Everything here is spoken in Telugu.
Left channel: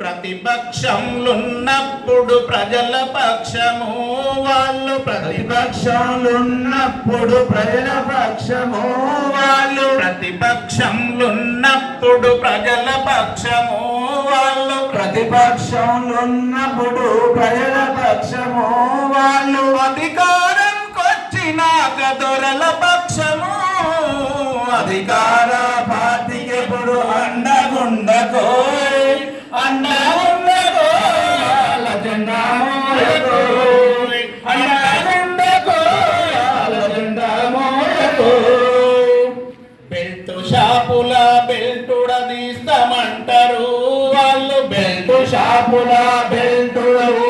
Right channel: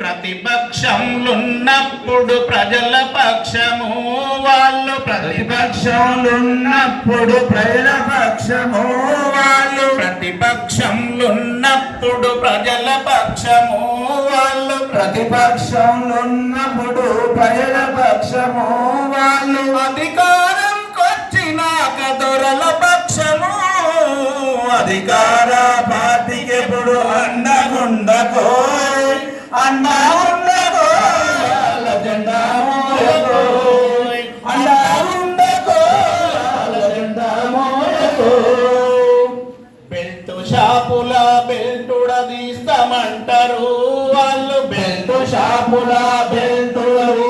ప్రతిపక్షంలున్నప్పుడు ప్రజల పక్షము వాళ్ళు, ప్రతిపక్షంలున్నప్పుడు ప్రజల పక్షము వాళ్ళు, ప్రతిపక్షంలున్నప్పుడు ప్రజల పక్షము వాళ్ళు, ప్రతిపక్షంలున్నప్పుడు ప్రజల పక్షము వాళ్ళు, అధికారం కొచ్చినాక దొరల పక్షము, అధికార పార్టీకి ఎప్పుడు అండగుండకో అండగుండకో వాళ్ళ జెండా మోయకో, అండగుండకో వాళ్ళ జెండా మోయకో. బెల్టు షాపుల బెల్టుడదీస్తామంటారు వాళ్ళు, బెల్టు షాపుల బెల్టుడవు